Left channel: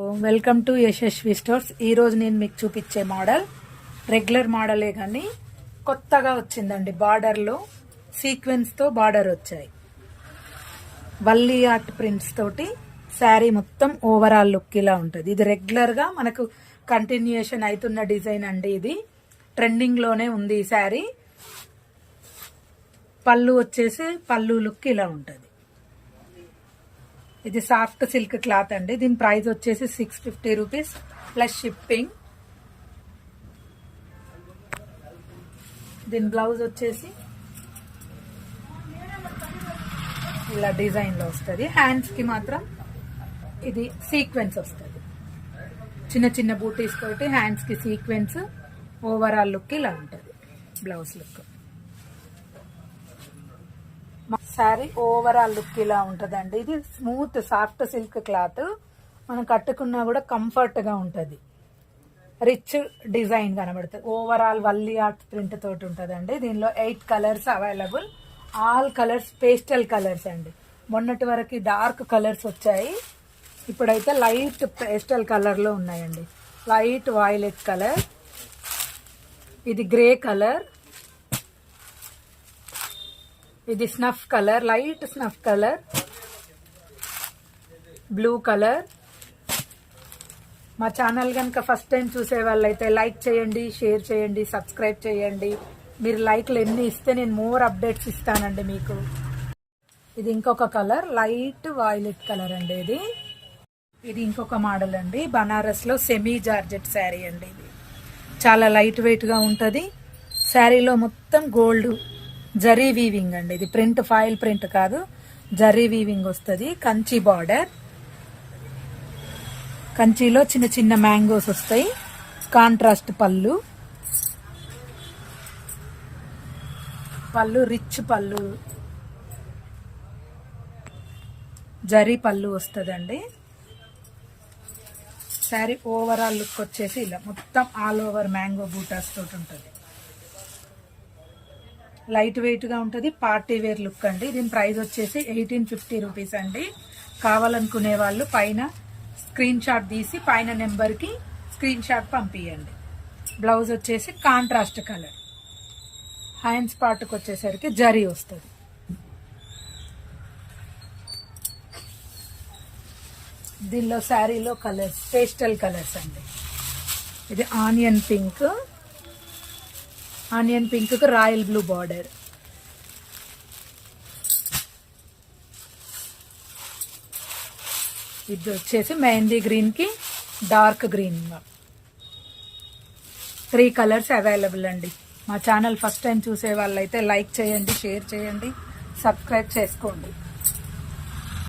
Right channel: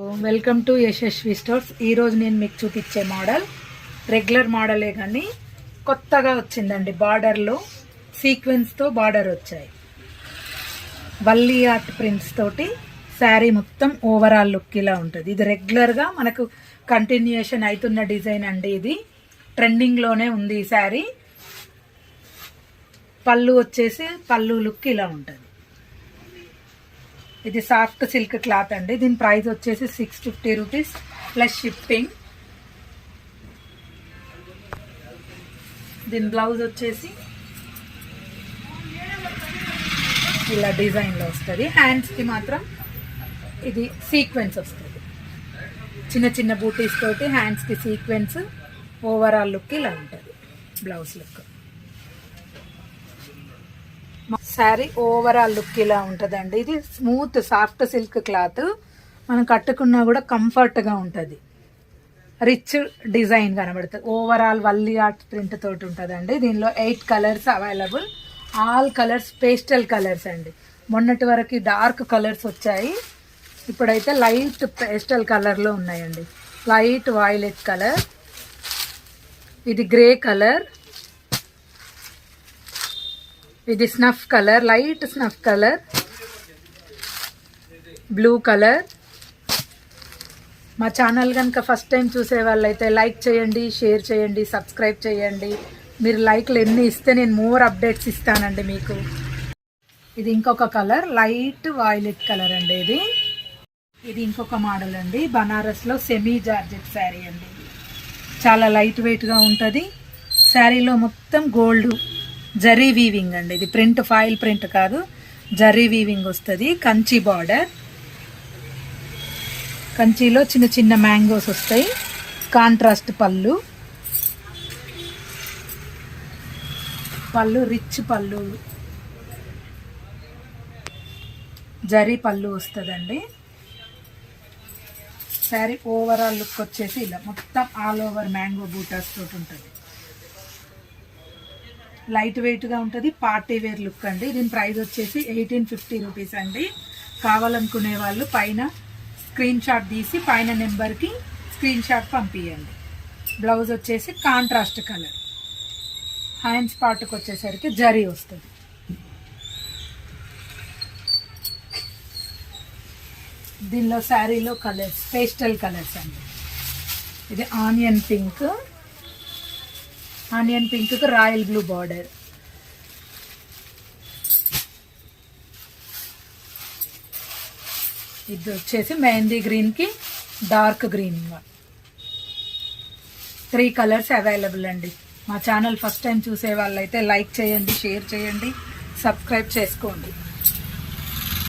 Welcome to Yashasvi stores. ఈరోజు నేను మీకు చూపించే మోడల్ రెగ్యులర్ మోడలే కానీ కొత్తగా వచ్చిందండి. బార్డర్లో సీక్వెన్స్తో బార్డర్ వచ్చాయి. వల్లీ ఆర్ట్ ప్రింట్స్ తోటి శారీ మొత్తం ఓవరాల్ లుక్ ఇలా ఉంటుంది. ఇది రెగ్యులర్గా మనకు కంటిన్యూషన్ అవుతున్న డిజైన్ అండి. ఇది ట్రెండింగ్లోనే ఉంది ఈ శారీ. పళ్ళు వచ్చేసి పళ్ళు లుక్ ఇలా ఉంటుంది. ఇది సాఫ్ట్ సిల్క్ క్లాత్ అండి. దీని ప్రైస్ వచ్చేసి 650 రూపీస్ ప్లస్ షిప్పింగ్. దీని బ్లౌజ్ వచ్చేసి ఇలా డిజైన్లో వస్తుంది. హ్యాండ్స్కి మాత్రం ఇది సీక్వెన్స్ వస్తుంది. చిన్న చిన్న బూటీస్ తోటి హ్యాండ్స్కి సీక్వెన్స్. ఓవరాల్ లుక్ ఇలా ఉంటుంది. Blouse look sari overall look ఇలా ఉంటుందండి. ఇది స్మూత్ సాఫ్ట్ సిల్క్ క్లాత్. మనం కట్టుకున్నా కూడా కంఫర్ట్గా ఉంటుంది. రిచ్ డిజైన్ కనబడుతుంది. ఓవరాల్ వల్లీ ఆర్ట్ ప్రింట్ తోటి ఉంటుందండి. దీనిలో 8 colours available. All colours pastel colours అండి. మొన్నటి వరకు డార్క్ కలర్స్ వచ్చాయి. ఇప్పుడైతే లైట్ పేస్టల్ కలర్లో ఉన్నాయండి. లైట్ వైలెట్ కలర్, ఇది గ్రే కలర్, ఇది snuff colour, light snuff colour, blue colour. మా ఛానల్ కనుక ఫస్ట్ టైం చూసే వాళ్ళైతే లైక్ చేయండి, షేర్ చేయండి, సబ్స్క్రైబ్ చేయండి. మీరు లైక్లు ఎన్ని ఇస్తే నేను మోర్ అప్డేట్స్ ఇస్తానండి మీకు. ఇది ఇంకొక కలర్, లైట్ వైలెట్ కలర్ అండి. ఇది ఇంకొక మోడల్ అండి. బనారస్లో సెమీ జార్జెట్ శారీ అండి. చాలా లైట్ వెయిట్గా ఉంటుంది. శారీలో మొత్తం గోల్డ్ జరీ వీవింగ్ అండి. ఇది ప్రింట్ ఫాయిల్ ప్రింట్ కాదు, జరీ వీవింగ్ వస్తుంది. కంచి బార్డర్, కంచిలో చిన్న చిన్న మ్యాంగోస్ వస్తాయి. కాంట్రాస్ట్ పళ్ళు, పళ్ళు రిచ్ పళ్ళు, జరీ పళ్ళు వస్తుందండి. శారీ ఓవరాల్ లుక్ వచ్చేసి ఇలా మొత్తం ఆల్ ఓవర్ మ్యాంగో బూటాస్ తోటి ఉంటుంది. లైట్ వెయిట్గా ఉంటుంది. పార్టీ వేర్ లుక్ అండి. దీని ప్రైస్ వచ్చేసి 1850 రూపీస్ అండి. కావాలనుకునే వాళ్ళు పైన స్క్రీన్ షాట్ తీసి పైన నెంబర్కి స్క్రీన్ షాట్ పంపించండి. బ్లౌజ్ వచ్చేసి కాంట్రాస్ట్ కలర్. హ్యాండ్స్ పార్ట్కి వచ్చేసరికి జరీ వస్తుంది. దీనిలో శారీలో కలర్స్ పేస్టల్ కలర్స్ అండి. ఇది ఆనియన్ పింక్, ఆనియన్ పింక్కి రాయల్ బ్లూ బార్డర్, ఇది వచ్చేసి మెహందీ గ్రీన్కి డార్క్ గ్రీన్. 3 కలర్స్ అవైలబుల్ అండి. మా ఛానల్ ఫస్ట్ టైం చూసే వాళ్ళైతే లైక్ చేయండి, షేర్ చేయండి, సబ్స్క్రైబ్ చేసుకోండి.